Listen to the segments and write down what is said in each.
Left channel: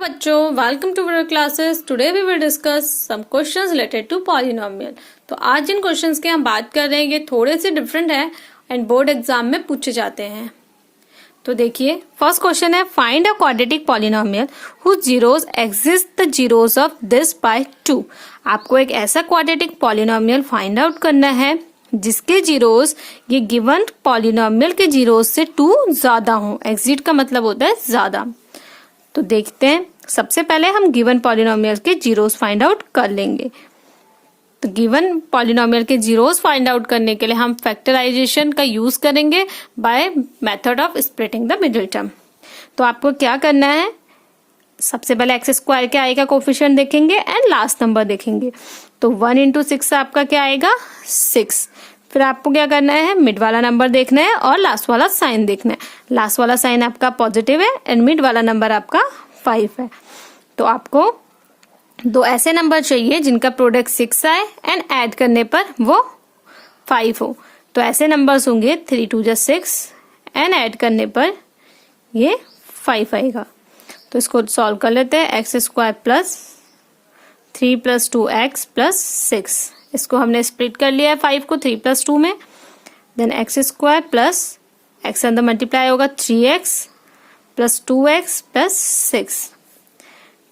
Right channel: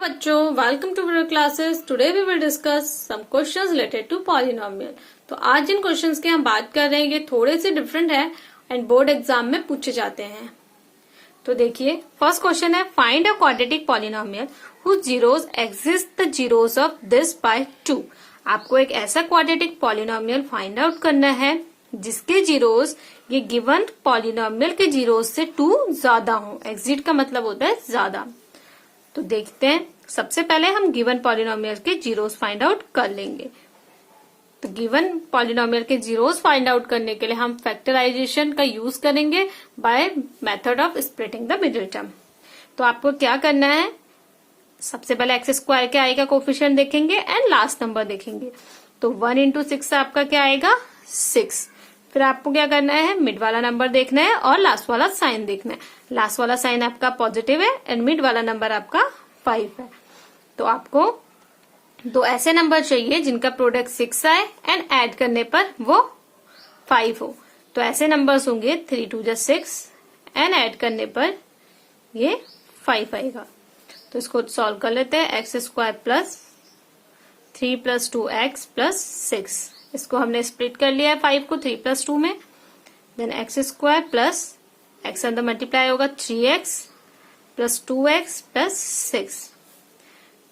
बच्चों, welcome to our classes. Today we will discuss some questions related to polynomial. तो आज जिन questions की हम बात कर रहे हैं ये थोड़े से डिफरेंट है एंड बोर्ड एग्जाम में पूछे जाते हैं। तो देखिए, फर्स्ट क्वेश्चन है find a quadratic polynomial whose zeros exist the zeros of this by 2। आपको एक ऐसा क्वाड्रेटिक पॉलिनोमियल फाइंड आउट करना है जिसके जीरोस ये गिवन पॉलिनोमियल के जीरोस से 2 ज्यादा हो। एग्जिट का मतलब होता है ज्यादा। तो देखते हैं, सबसे पहले हम गिवन पॉलिनोमियल के जीरोस फाइंड आउट कर लेंगे। तो गिवन पॉलिनोमियल के जीरोस फाइंड आउट करने के लिए हम फैक्टराइजेशन का यूज करेंगे by method of splitting the middle term. तो आपको क्या करना है, सबसे पहले एक्स स्क्वायर के आएगा कोफिशिएंट देखेंगे एंड लास्ट नंबर देखेंगे। तो 1 इंटू 6 आपका क्या आएगा 6। फिर आपको क्या करना है, मिड वाला नंबर देखना है और लास्ट वाला साइन देखना है। लास्ट वाला साइन आपका पॉजिटिव है एंड मिड वाला नंबर आपका 5 है। तो आपको दो ऐसे नंबर चाहिए जिनका प्रोडक्ट 6 आए एंड ऐड करने पर वो 5 हो। तो ऐसे नंबर्स होंगे 3 2 जा 6 एंड ऐड करने पर ये 5 आएगा। तो इसको सॉल्व कर लेते हैं। X square plus 3 plus 2x plus 6, इसको हमने स्प्लिट कर लिया है 5 को 3 प्लस 2 में। Then x square plus x अंदर मल्टीप्लाई होगा 3x plus 2x plus 6।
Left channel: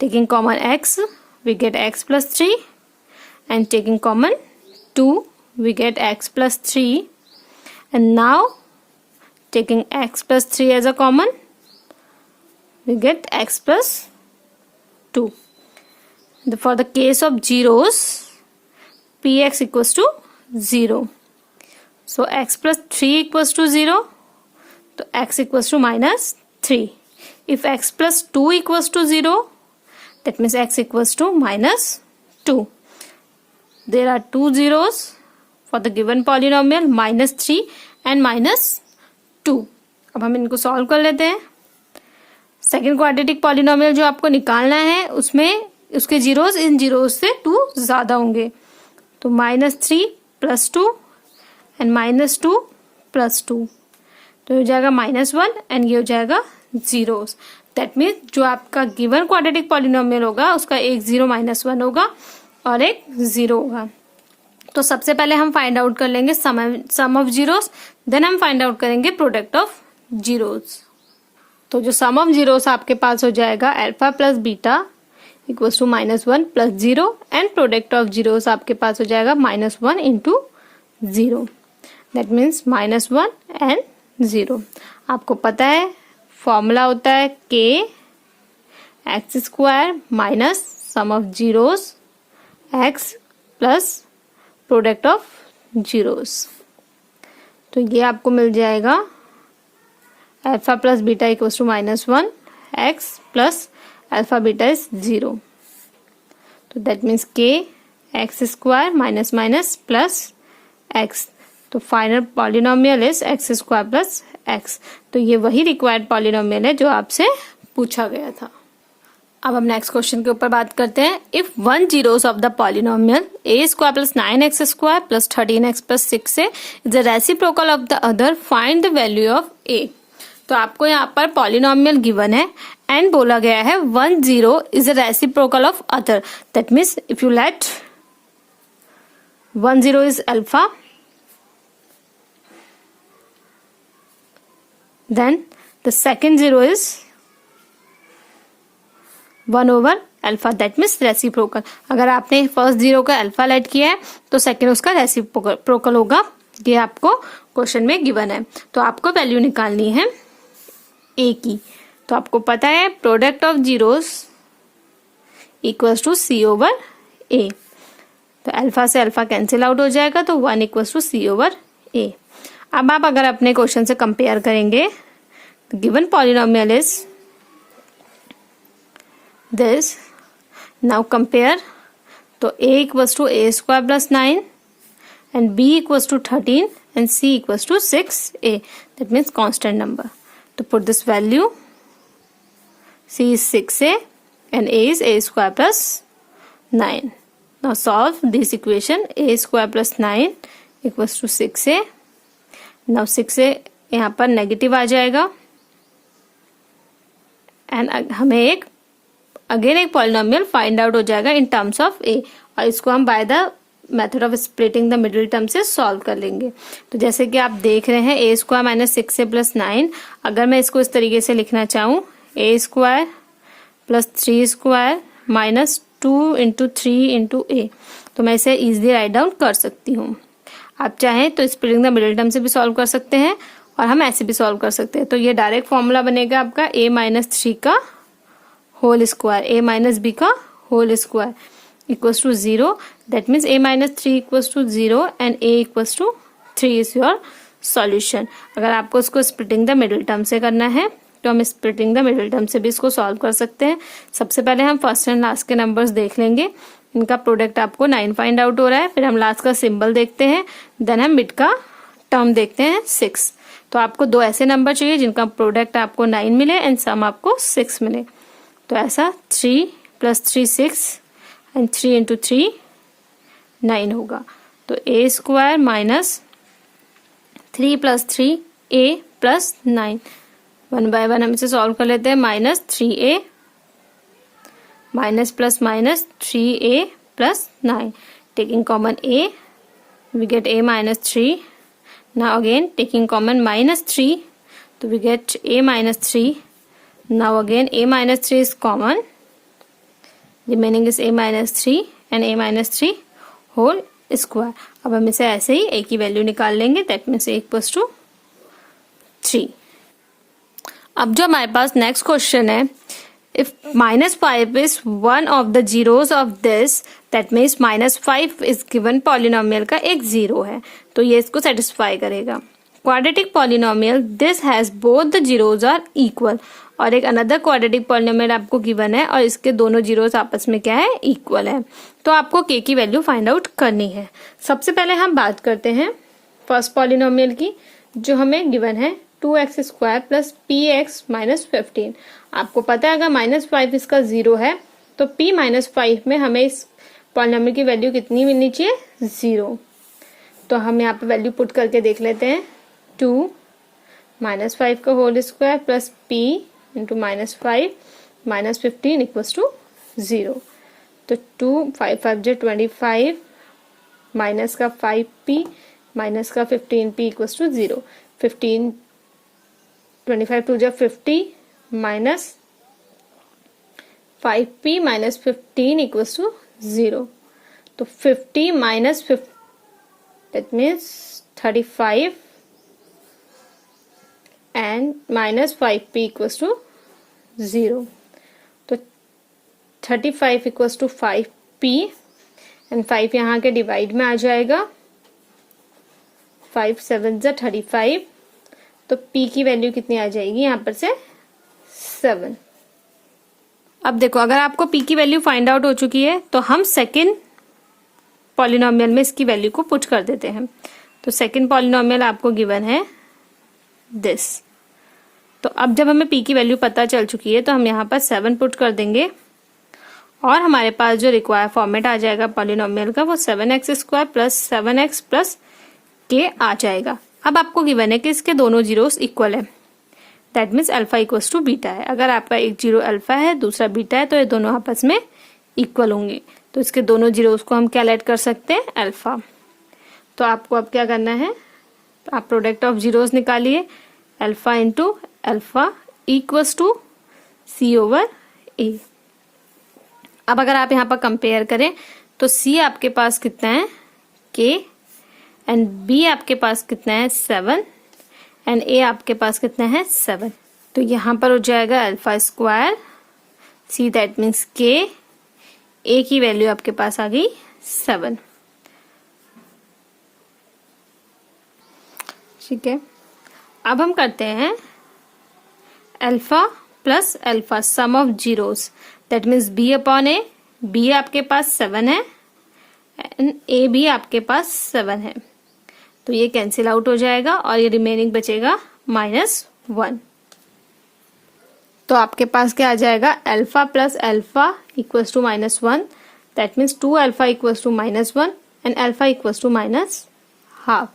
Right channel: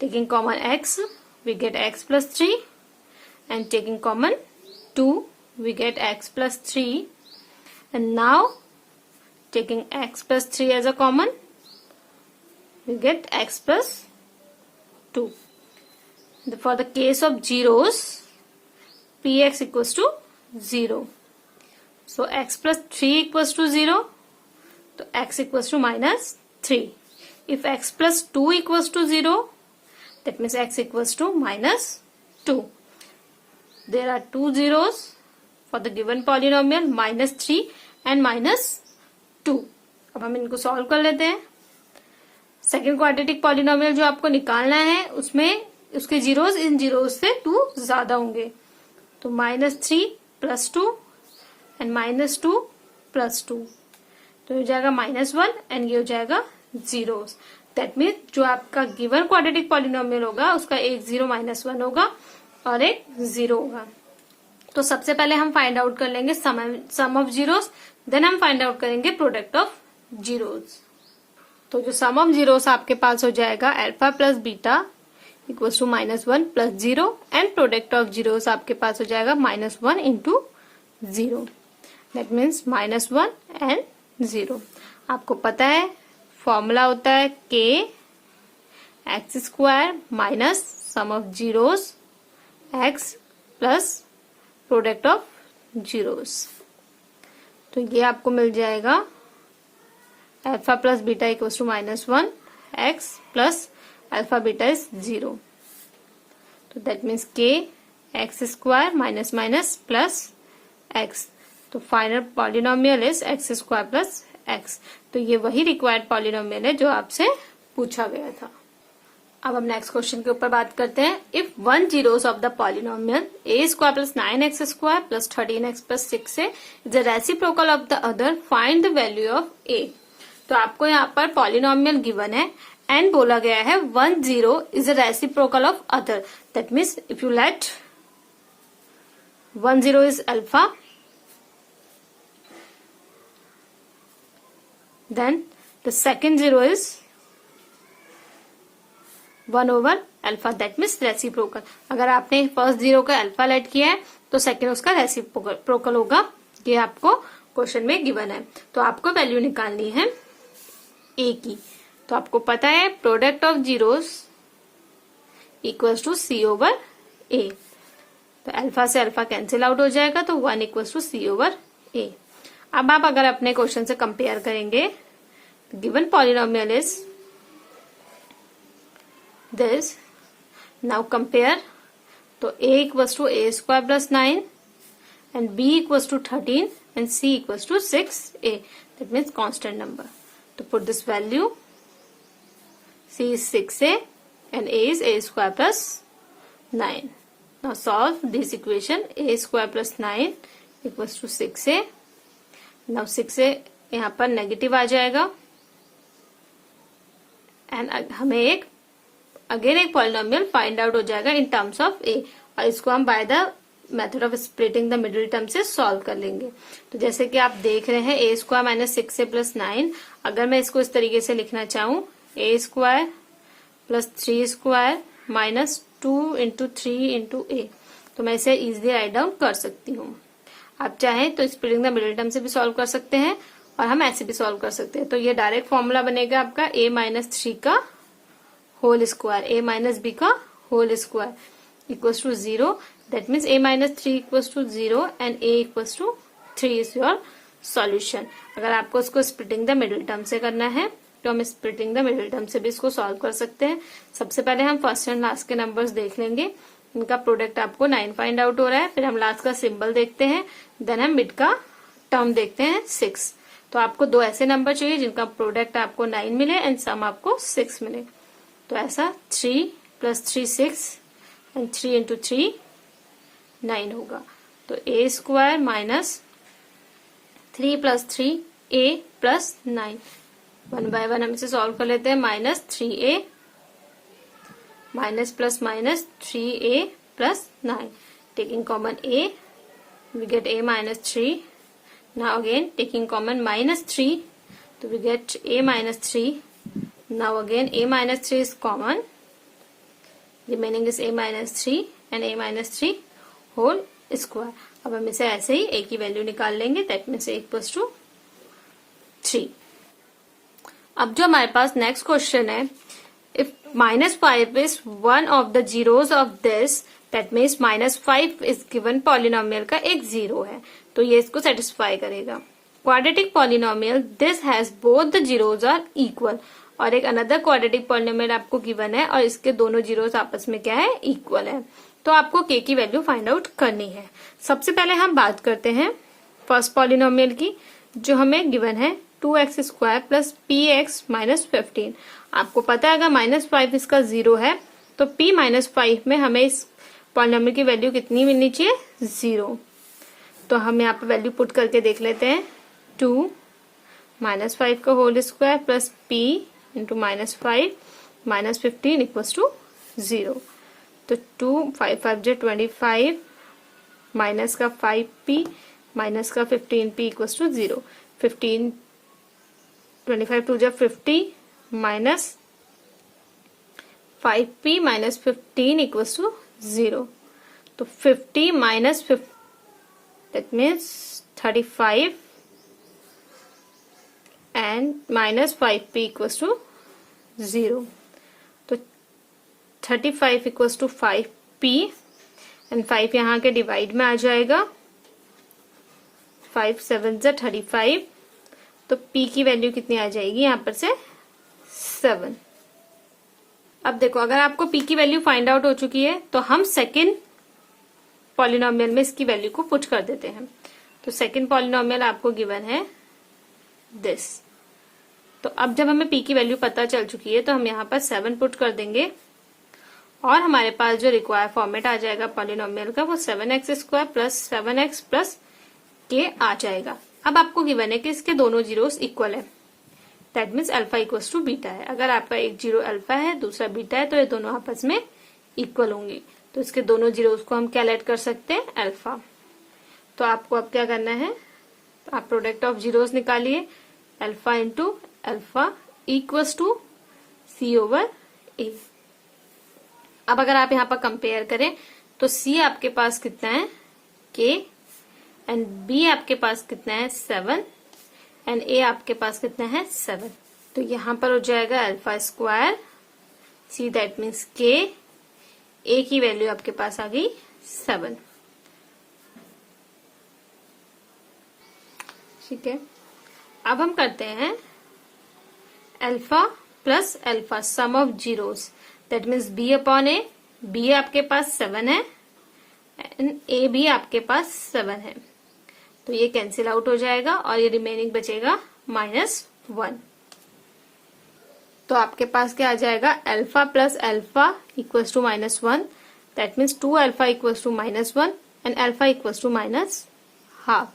Taking common x we get x plus 3 and taking common 2 we get x plus 3 and now taking x plus 3 as a common we get x plus 2. For the case of zeros px equals to 0. So x plus 3 equals to 0. So x equals to minus 3. If x plus 2 equals to 0, that means x equals to minus 2. There are two zeros for the given polynomial minus 3 and minus 2. अब हम इनको solve कर लेते हैं। Second quadratic polynomial जो आपको निकालना है उसमें उसके जीरोस इन जीरोस से 2 ज्यादा होंगे। तो -3 प्लस 2 एंड -2 प्लस 2, तो ये हो जाएगा -1 एंड ये हो जाएगा जीरोस। दैट मीन्स जो आपका गिवन क्वाड्रेटिक पॉलिनोमियल होगा उसका एक 0 -1 होगा और एक 0 होगा। तो सबसे पहले हम फाइंड आउट कर लेंगे सम ऑफ जीरोस, देन हम फाइंड आउट करेंगे प्रोडक्ट ऑफ जीरोस। तो जो सम ऑफ जीरोस आपके पास हो जाएगा alpha plus beta equals to -1 plus 0 and product of zeros आपके पास हो जाएगा -1 इंटू 0। That means -1 and 0। आपको पता है फॉर्मूला होता है k x square minus sum of zeros x plus product of zeros. तो ये आपको मिल जाएगा alpha plus beta equals to -1 x plus alpha beta is 0। तो that means k x square minus minus plus x। तो final polynomial is x square plus x। तो ये वही रिक्वायर्ड पॉलिनोमियल है जो आपसे पूछा गया था। अब हम नेक्स्ट क्वेश्चन के ऊपर बात करते हैं। If one zeros of the polynomial a square plus 9x square plus 13x plus 6 is the reciprocal of the other, find the value of a। तो आपको यहाँ पर पॉलिनोमियल गिवन है एंड बोला गया है 1 0 is the reciprocal of other. That means if you let 1 0 is alpha, then the second 0 is 1 over alpha, that means reciprocal। अगर आपने फर्स्ट 0 का अल्फा लेट किया है तो सेकेंड उसका रेसिप्रोकल होगा। ये आपको क्वेश्चन में गिवन है। तो आपको वैल्यू निकालनी है a की। तो आपको पता है product of zeros equals to c over a। तो अल्फा से अल्फा कैंसिल आउट हो जाएगा तो 1 equals to c over a। अब आप अगर अपने क्वेश्चन से कंपेयर करेंगे तो given polynomial is this. Now compare, तो a equals to a square plus 9 and b equals to 13 and c equals to 6a। That means constant number. तो put this value, c is 6a and a is a square plus 9। Now solve this equation. a square plus 9 equals to 6a। Now 6 यहाँ पर negative आ जाएगा and हमें एक again एक polynomial find out हो जाएगा in terms of ए, और इसको हम by the method of splitting the middle term से सॉल्व कर लेंगे। तो जैसे कि आप देख रहे हैं ए स्क्वायर माइनस 6 प्लस 9, अगर मैं इसको इस तरीके से लिखना चाहूँ a square plus 3 square minus 2 into 3 into a, तो मैं इसे इजिली राइट डाउन कर सकती हूँ। आप चाहें तो स्प्लिटिंग द मिडिल टर्म से भी सॉल्व कर सकते हैं और हम ऐसे भी सॉल्व कर सकते हैं। तो ये डायरेक्ट फॉर्मूला बनेगा आपका a माइनस 3 का whole square, a minus b का whole square equals to 0। That means a minus 3 equals to 0 and a equals to 3 is your solution. अगर आपको इसको स्प्लिटिंग द मिडिल टर्म से करना है तो हम स्प्लिटिंग द मिडिल टर्म से भी इसको सॉल्व कर सकते हैं। सबसे पहले हम फर्स्ट एंड लास्ट के नंबर्स देख लेंगे, इनका प्रोडक्ट आपको 9 फाइंड आउट हो रहा है, फिर हम लास्ट का सिंबल देखते हैं, देन हम मिड का टर्म देखते हैं 6। तो आपको दो ऐसे नंबर चाहिए जिनका प्रोडक्ट आपको 9 मिले एंड सम आपको 6 मिले। तो ऐसा 3 प्लस 3 6 एंड 3 इंटू 3 9 होगा। तो ए स्क्वायर माइनस 3 प्लस 3 ए प्लस 9, 1 बाय 1 हम इसे सॉल्व कर लेते हैं। Minus 3a minus plus minus 3a plus 9, taking common a we get a minus 3. Now again taking common minus 3, so we get a minus 3. Now again a minus 3 is common, remaining is a minus 3 and a minus 3 whole square. अब हम इसे ऐसे ही a की value निकाल लेंगे, that means a equals to 3। अब जो हमारे पास नेक्स्ट क्वेश्चन है, if minus 5 is one of the zeros of this, that means minus 5 is given polynomial का एक जीरो है, तो ये इसको सेटिस्फाई करेगा। Quadratic polynomial this has both the zeros are equal, और एक अनदर क्वाड्रेटिक पॉलिनोमियल आपको गिवन है और इसके दोनों जीरोज आपस में क्या है, इक्वल है। तो आपको k की वैल्यू फाइंड आउट करनी है। सबसे पहले हम बात करते हैं फर्स्ट पॉलिनोमियल की, जो हमें गिवन है 2x square plus px minus 15। आपको पता है अगर माइनस 5 इसका जीरो है तो p माइनस 5 में हमें इस पॉलिनोमियल की वैल्यू कितनी मिलनी चाहिए, 0। तो हम यहाँ पे वैल्यू पुट करके देख लेते हैं। 2 माइनस 5 का whole square plus p into minus 5 minus 15 equals to 0। तो 2 5 5 जो 25 माइनस का 5p माइनस का 15p इक्वल्स टू 0। 15 25 टू जो 50 minus 5p minus 15 equals to 0। तो 50 minus 50 that means 35 and minus 5p equals to 0। तो 35 इक्वल्स टू 5p एंड 5 यहाँ के divide में आ जाएगा, 5 7 जा 35, तो p की वैल्यू कितनी आ जाएगी यहाँ पर से 7। अब देखो अगर आपको p की वैल्यू फाइंड आउट हो चुकी है तो हम सेकंड पॉलिनोमियल में इसकी वैल्यू को पुट कर देते हैं। तो सेकंड पॉलिनोमियल आपको गिवन है दिस। तो अब जब हमें p की वैल्यू पता चल चुकी है तो हम यहाँ पर 7 पुट कर देंगे और हमारे पास जो रिक्वायर फॉर्मेट आ जाएगा पॉलिनोमियल का वो 7x square plus 7x plus k आ जाएगा। अब आपको गिवन है कि इसके दोनों जीरोस इक्वल है, that means alpha equals to beta है। अगर आपका एक जीरो अल्फा है दूसरा बीटा है तो ये दोनों आपस में इक्वल होंगे, तो इसके दोनों जीरोस को हम क्या लेट कर सकते हैं, अल्फा। तो आपको अब क्या करना है, तो आप प्रोडक्ट ऑफ जीरोस निकालिए, alpha into alpha equals to c over a. अब अगर आप यहाँ पर कंपेयर करें तो सी आपके पास कितना है, के, एंड बी आपके पास कितना है 7 एंड ए आपके पास कितना है 7। तो यहां पर हो जाएगा alpha square c, that means k, a की वैल्यू आपके पास आ गई 7। ठीक है, अब हम करते हैं alpha plus alpha sum of zeros, that means b upon a. B आपके पास 7 है एंड ए भी आपके पास 7 है, तो ये कैंसिल आउट हो जाएगा और ये रिमेनिंग बचेगा -1। तो आपके पास क्या आ जाएगा, alpha plus alpha equals to -1, that means 2 alpha equals to -1 and alpha equals to -12।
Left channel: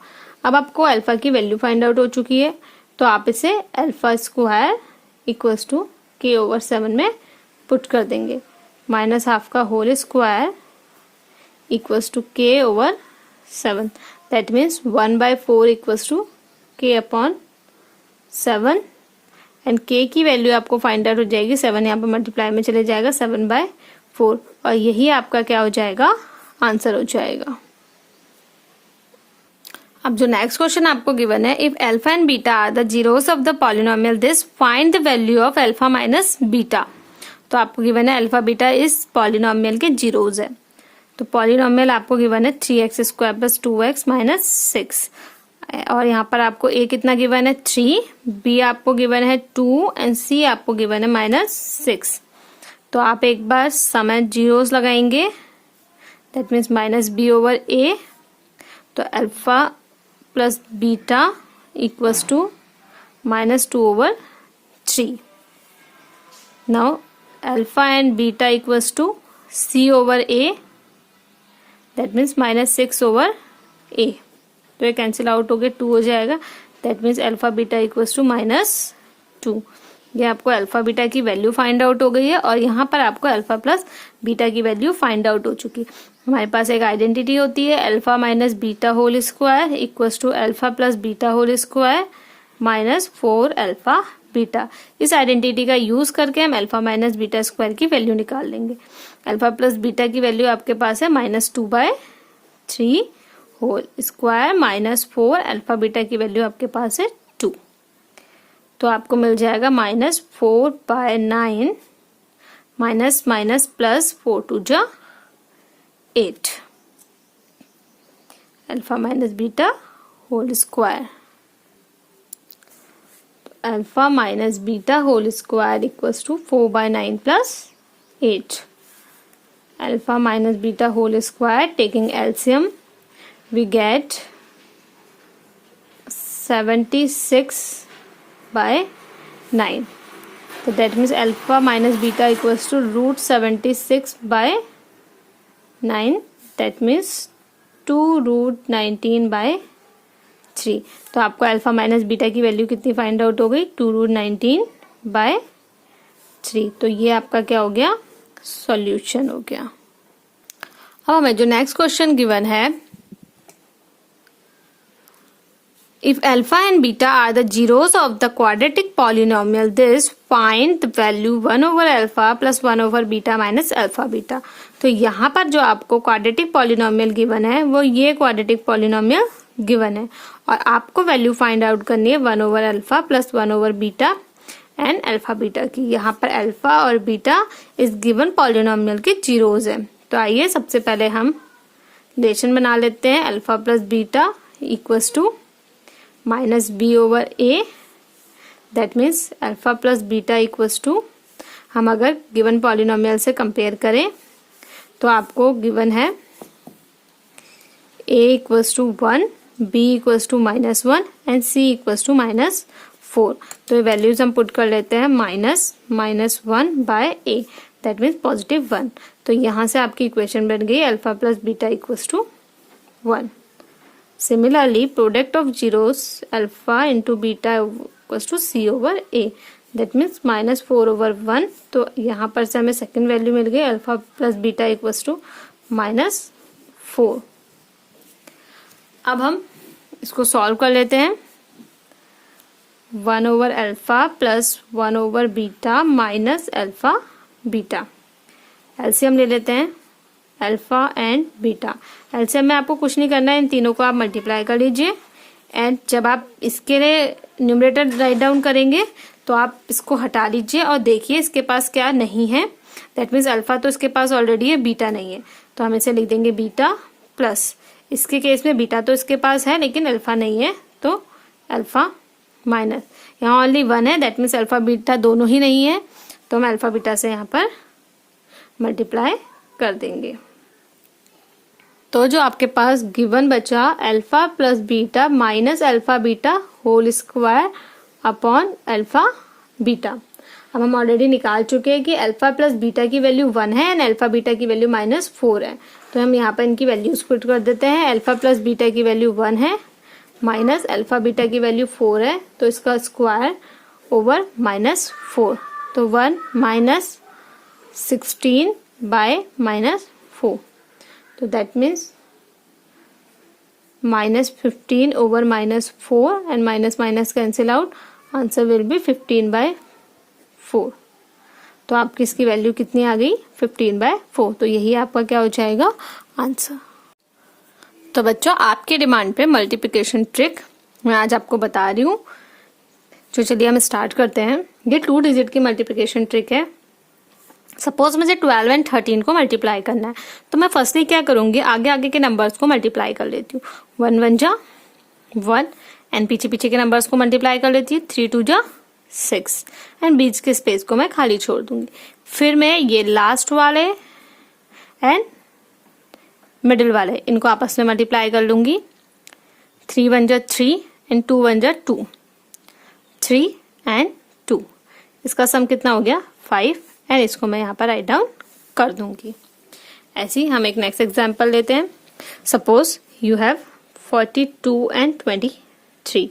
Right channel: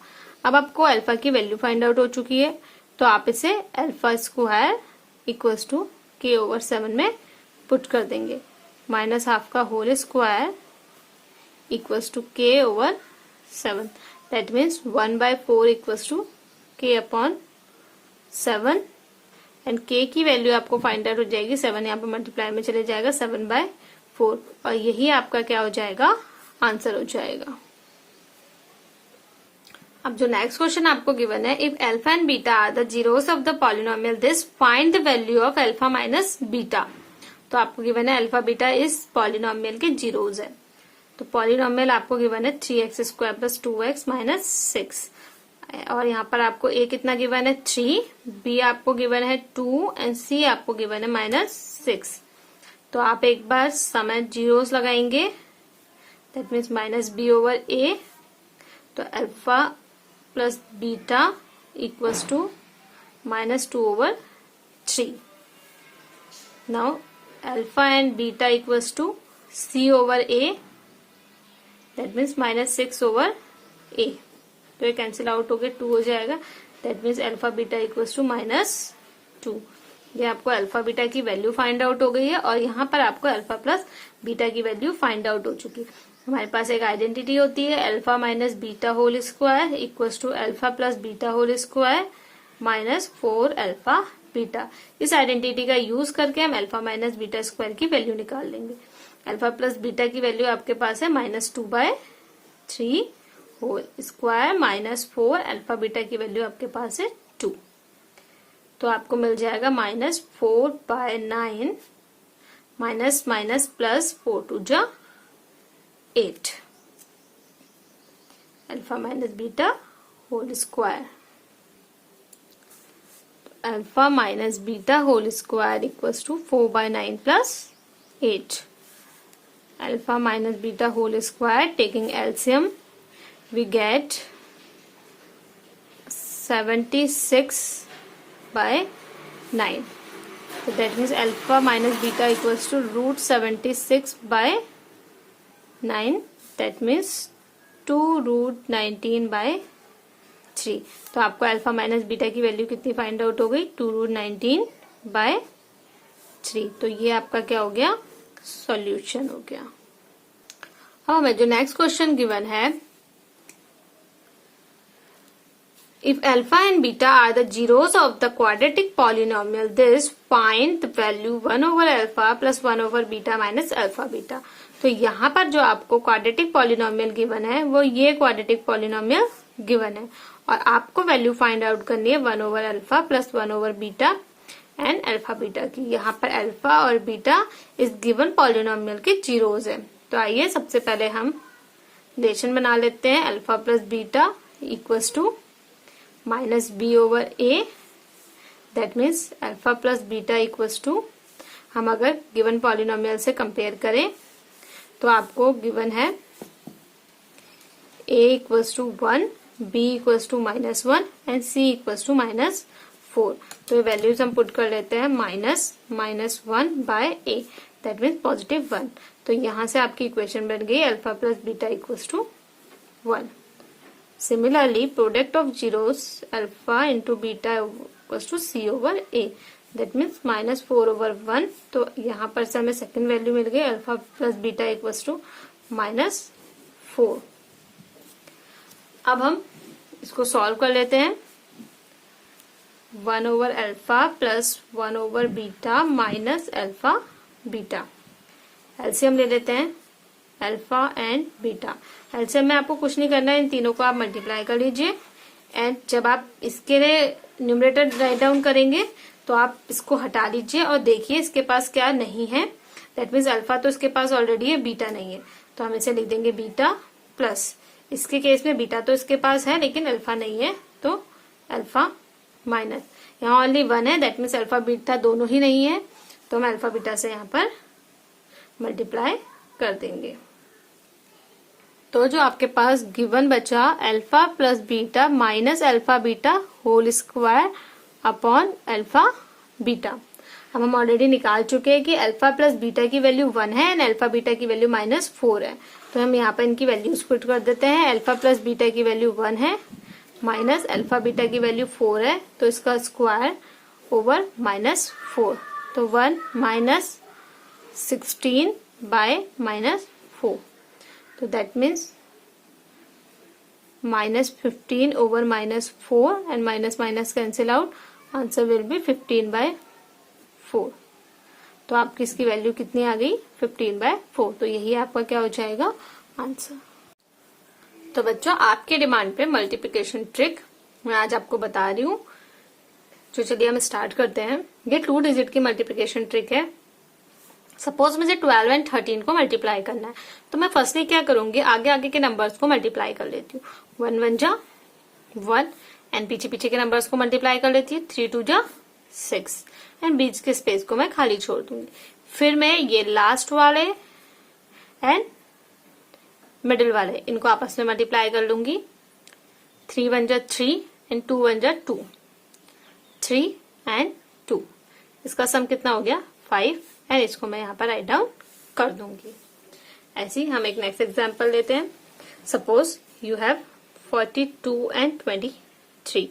अब आपको अल्फा की वैल्यू फाइंड आउट हो चुकी है, तो आप इसे अल्फा स्क्वायर इक्वल्स टू के ओवर 7 में पुट कर देंगे। माइनस हाफ का whole square equals to k over 7, that means 1/4 equals to k upon 7 and k की वैल्यू आपको फाइंड आउट हो जाएगी। 7 यहाँ पर मल्टीप्लाई में चले जाएगा 7/4 और यही आपका क्या हो जाएगा, आंसर हो जाएगा। अब जो नेक्स्ट क्वेश्चन आपको गिवन है, if alpha and beta are the zeros of the polynomial this find the value of alpha minus beta. तो आपको गिवन है अल्फा बीटा इस पॉलिनोमियल के जीरोस है। तो पॉलिनोमियल आपको गिवन है 3x² प्लस 2x माइनस 6 और यहाँ पर आपको a कितना गिवन है 3, b आपको गिवन है 2 एंड c आपको गिवन है -6। तो आप एक बार समय जीरोस लगाएंगे, that means -b over a। तो alpha plus beta equals to -2 over 3। Now alpha and beta equals to c over a, that means -6 over a। तो ये कैंसिल आउट हो गए, 2 हो जाएगा, that means alpha beta equals to -2। ये आपको alpha beta की वैल्यू फाइंड आउट हो गई है और यहाँ पर आपको अल्फा प्लस बीटा की वैल्यू फाइंड आउट हो चुकी है। हमारे पास एक आइडेंटिटी होती है alpha minus beta whole square equals to alpha plus beta whole square minus 4 alpha beta. इस आइडेंटिटी का यूज करके हम अल्फा माइनस बीटा स्क्वायर की वैल्यू निकाल लेंगे। अल्फा प्लस बीटा की वैल्यू आपके पास है -2/3 whole square minus 4, alpha beta की वैल्यू आपके पास है 2। तो आपको मिल जाएगा -4/9 माइनस माइनस प्लस 4 2 जा 8 alpha minus beta whole square. Alpha minus beta whole square equals to 4/9 plus 8। Alpha minus beta whole square taking LCM we get 76/9. So that means alpha minus beta equals to √76/9. That means 2√19/3. तो आपको alpha minus beta की value कितनी find out हो गई, 2√19/3। तो ये आपका क्या हो गया, सॉल्यूशन हो गया। अब हमें जो नेक्स्ट क्वेश्चन गिवन है, if alpha and beta are the zeros of the quadratic polynomial this find the value 1 over alpha plus 1 over beta minus alpha beta। तो यहाँ पर जो आपको क्वाड्रेटिक पॉलिनोमियल गिवन है वो ये क्वाड्रेटिक पॉलिनोमियल गिवन है और आपको वैल्यू फाइंड आउट करनी है 1 over alpha plus 1 over beta and alpha beta की। यहाँ पर अल्फा और बीटा इस गिवन पॉलिनोमियल के जीरोस है। तो आइए सबसे पहले हम रिलेशन बना लेते हैं। Alpha plus beta equals to -b over a, that means alpha plus beta equals to, हम अगर गिवन पॉलिनोमियल से कंपेयर करें तो आपको गिवन है a equals to 1, b equals to -1 and c equals to -4। तो ये वैल्यूज हम पुट कर लेते हैं -1/a, दैट मीन्स +1। तो यहाँ से आपकी इक्वेशन बन गई alpha plus beta equals to 1। Similarly, product of zeros alpha into beta equals to c over a, that means -4 over 1। तो यहाँ पर से हमें सेकेंड वैल्यू मिल गई alpha plus beta equals to -4। अब हम इसको सॉल्व कर लेते हैं। 1 over alpha plus 1 over beta minus alpha beta, LCM ले लेते हैं अल्फा एंड बीटा। एलसीएम में आपको कुछ नहीं करना है, इन तीनों को आप मल्टीप्लाई कर लीजिए एंड जब आप इसके लिए न्यूमरेटर राइट डाउन करेंगे तो आप इसको हटा दीजिए और देखिए इसके पास क्या नहीं है, दैट मीन्स अल्फा तो इसके पास ऑलरेडी है, बीटा नहीं है। तो हम इसे लिख देंगे बीटा प्लस, इसके केस में बीटा तो इसके पास है लेकिन अल्फा नहीं है, तो अल्फा माइनस, यहाँ ओनली 1 है, दैट मीन्स अल्फा बीटा दोनों ही नहीं है, तो हम अल्फा बीटा से यहाँ पर मल्टीप्लाई कर देंगे। तो जो आपके पास गिवन बचा alpha plus beta minus alpha beta whole square upon alpha beta. अब हम ऑलरेडी निकाल चुके हैं कि अल्फा प्लस बीटा की वैल्यू 1 है एंड अल्फा बीटा की वैल्यू -4 है। तो हम यहाँ पर इनकी वैल्यूज पुट कर देते हैं। अल्फा प्लस बीटा की वैल्यू 1 है माइनस अल्फा बीटा की वैल्यू 4 है, तो इसका स्क्वायर ओवर -4, तो 1 माइनस 16 by -4. तो that means -15 over -4 and minus cancel out. Answer will be 15/4. तो आपकी इसकी वैल्यू कितनी आ गई? 15/4. तो यही आपका क्या हो जाएगा? आंसर. तो बच्चों, आपकी डिमांड पे मल्टीप्लिकेशन ट्रिक मैं आज आपको बता रही हूँ. जो चलिए हम स्टार्ट करते हैं. ये 2 डिजिट की मल्टीप्लिकेशन ट्रिक है. सपोज मुझे 12 एंड 13 को मल्टीप्लाई करना है, तो मैं फर्स्टली क्या करूंगी, आगे आगे के नंबर्स को मल्टीप्लाई कर लेती हूँ. 1 1 जा 1 एंड पीछे पीछे के नंबर्स को मल्टीप्लाई कर लेती हूँ. 3 2 जा 6 एंड बीच के स्पेस को मैं खाली छोड़ दूंगी. फिर मैं ये लास्ट वाले एंड मिडिल वाले इनको आपस में मल्टीप्लाई कर लूंगी. 3 1 जा 3 एंड 2 1 जा 2. 3 एंड 2 इसका सम कितना हो गया? 5 एंड इसको मैं यहाँ पर राइट डाउन कर दूंगी. ऐसे ही हम एक नेक्स्ट एग्जांपल लेते हैं. Suppose you have 42 and 23.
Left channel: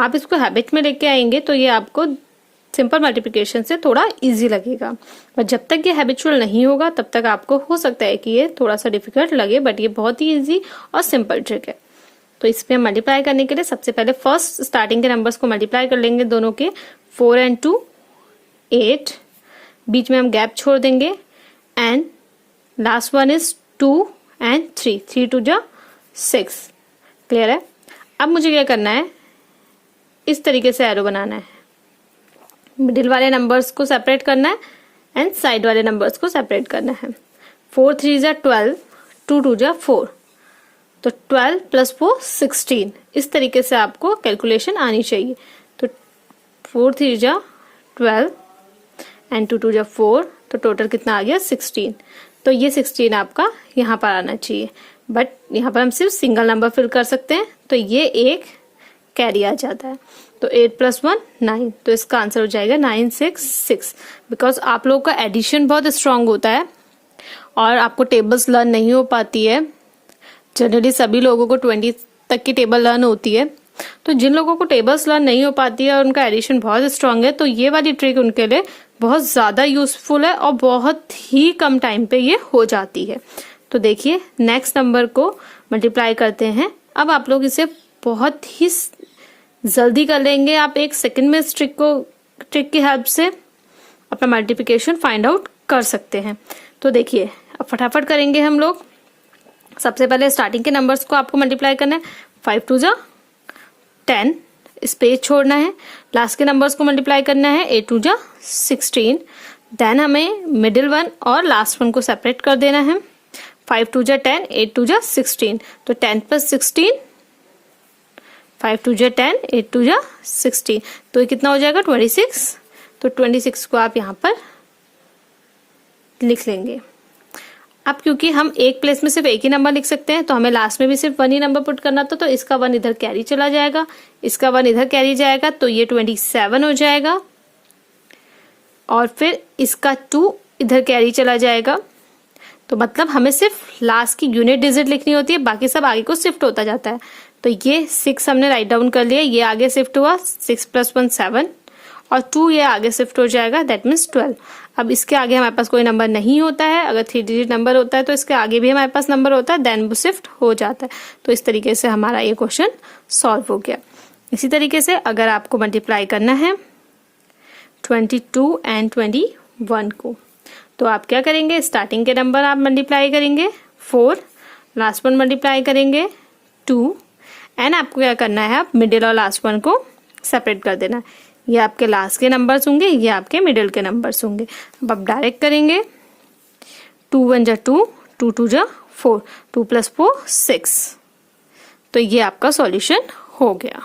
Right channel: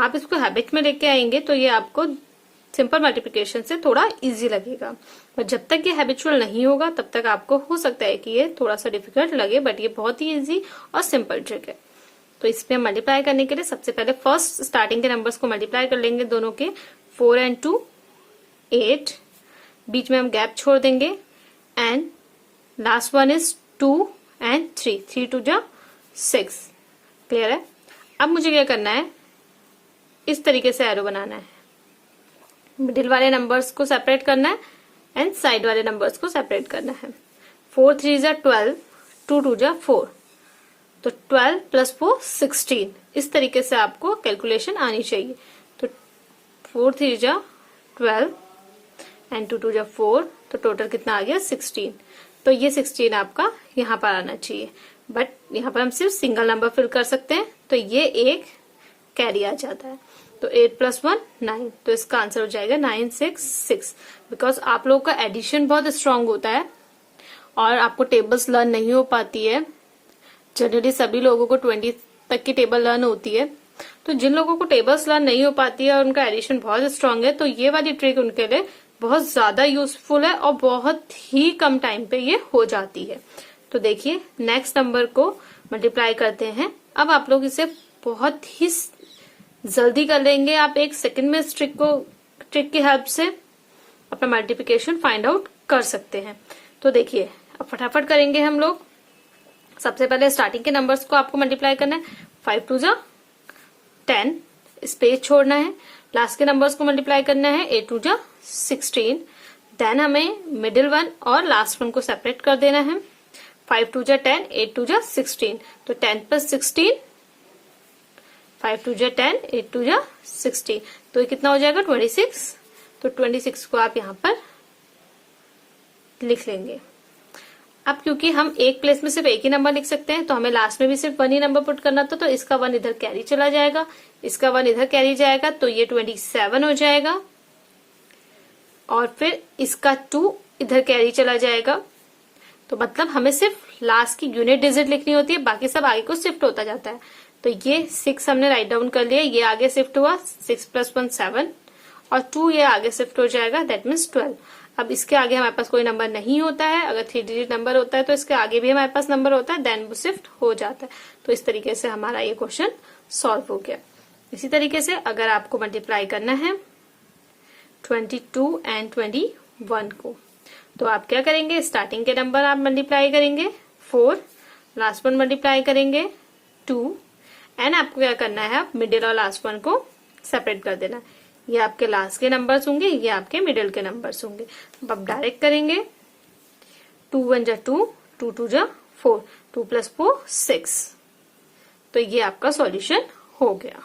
आप इसको हैबिट में लेके आएंगे तो ये आपको सिंपल मल्टीप्लिकेशन से थोड़ा इजी लगेगा, पर जब तक ये हैबिचुअल नहीं होगा तब तक आपको हो सकता है कि ये थोड़ा सा डिफिकल्ट लगे, बट ये बहुत ही इजी और सिंपल ट्रिक है. तो इसमें मल्टीप्लाई करने के लिए सबसे पहले फर्स्ट स्टार्टिंग के नंबर्स को मल्टीप्लाई कर लेंगे दोनों के. 4 एंड 2 8. बीच में हम गैप छोड़ देंगे and last one is 2 and 3. 3 2 जा 6. क्लियर है? अब मुझे क्या करना है, इस तरीके से एरो बनाना है. मिडिल वाले नंबर्स को सेपरेट करना है एंड साइड वाले नंबर्स को सेपरेट करना है. 4 3 जा 12. 2 2 जा 4. तो 12 + 4 16. इस तरीके से आपको कैलकुलेशन आनी चाहिए. तो 4 3 जा 12 एंड 2 2 जा 4. तो टोटल कितना आ गया? 16. तो ये 16 आपका यहाँ पर आना चाहिए, बट यहाँ पर हम सिर्फ सिंगल नंबर फिल कर सकते हैं, तो ये एक कैरी आ जाता है. तो 8 + 1 9. तो इसका आंसर हो जाएगा 9 6 6. बिकॉज आप लोगों का एडिशन बहुत स्ट्रांग होता है और आपको टेबल्स लर्न नहीं हो पाती है. जनरली सभी लोगों को 20 तक की टेबल लर्न होती है. तो जिन लोगों को टेबल्स लर्न नहीं हो पाती है और उनका एडिशन बहुत स्ट्रांग है, तो ये वाली ट्रिक उनके लिए बहुत ज्यादा यूजफुल है और बहुत ही कम टाइम पे ये हो जाती है. तो देखिए, नेक्स्ट नंबर को मल्टीप्लाई करते हैं. अब आप लोग इसे बहुत ही जल्दी कर लेंगे. आप 1 सेकंड में इस ट्रिक की हेल्प से अपना मल्टीप्लिकेशन फाइंड आउट कर सकते हैं. तो देखिए, अब फटाफट करेंगे हम लोग. सबसे पहले स्टार्टिंग के नंबर्स को आपको मल्टीप्लाई करना है. 5 2 जा 10. स्पेस छोड़ना है. लास्ट के नंबर्स को मल्टीप्लाई करना है. 8 2 जा 16. देन हमें मिडिल वन और लास्ट वन को सेपरेट कर देना है. 5 2 जा 10. 8 2 जा 16. तो 10 + 16. 5 2 जा 10. 8 2 जा 16. तो ये कितना हो जाएगा? 26. तो 26 को आप यहाँ पर लिख लेंगे. अब क्योंकि हम एक प्लेस में सिर्फ एक ही नंबर लिख सकते हैं, तो हमें लास्ट में भी सिर्फ 1 ही नंबर पुट करना था. तो इसका 1 इधर कैरी चला जाएगा, इसका 1 इधर कैरी जाएगा, तो ये 27 हो जाएगा. और फिर इसका 2 इधर कैरी चला जाएगा. तो मतलब हमें सिर्फ लास्ट की यूनिट डिजिट लिखनी होती है, बाकी सब आगे को शिफ्ट होता जाता है. तो ये 6 हमने राइट डाउन कर लिया. ये आगे शिफ्ट हुआ. 6 + 1 7 और 2 ये आगे शिफ्ट हो जाएगा. That means 12. अब इसके आगे हमारे पास कोई नंबर नहीं होता है. अगर 3 डिजिट नंबर होता है तो इसके आगे भी हमारे पास नंबर होता है, देन वो शिफ्ट हो जाता है. तो इस तरीके से हमारा ये क्वेश्चन सॉल्व हो गया. इसी तरीके से अगर आपको मल्टीप्लाई करना है 22 एंड 21 को, तो आप क्या करेंगे, स्टार्टिंग के नंबर आप मल्टीप्लाई करेंगे 4, लास्ट वन मल्टीप्लाई करेंगे 2 एंड आपको क्या करना है, आप मिडिल और लास्ट वन को सेपरेट कर देना. ये आपके लास्ट के नंबर्स होंगे, ये आपके मिडिल के नंबर्स होंगे. अब आप डायरेक्ट करेंगे. 2 1 जा 2, 2 2 जा 4, 2 + 4 6. तो ये आपका सॉल्यूशन हो गया.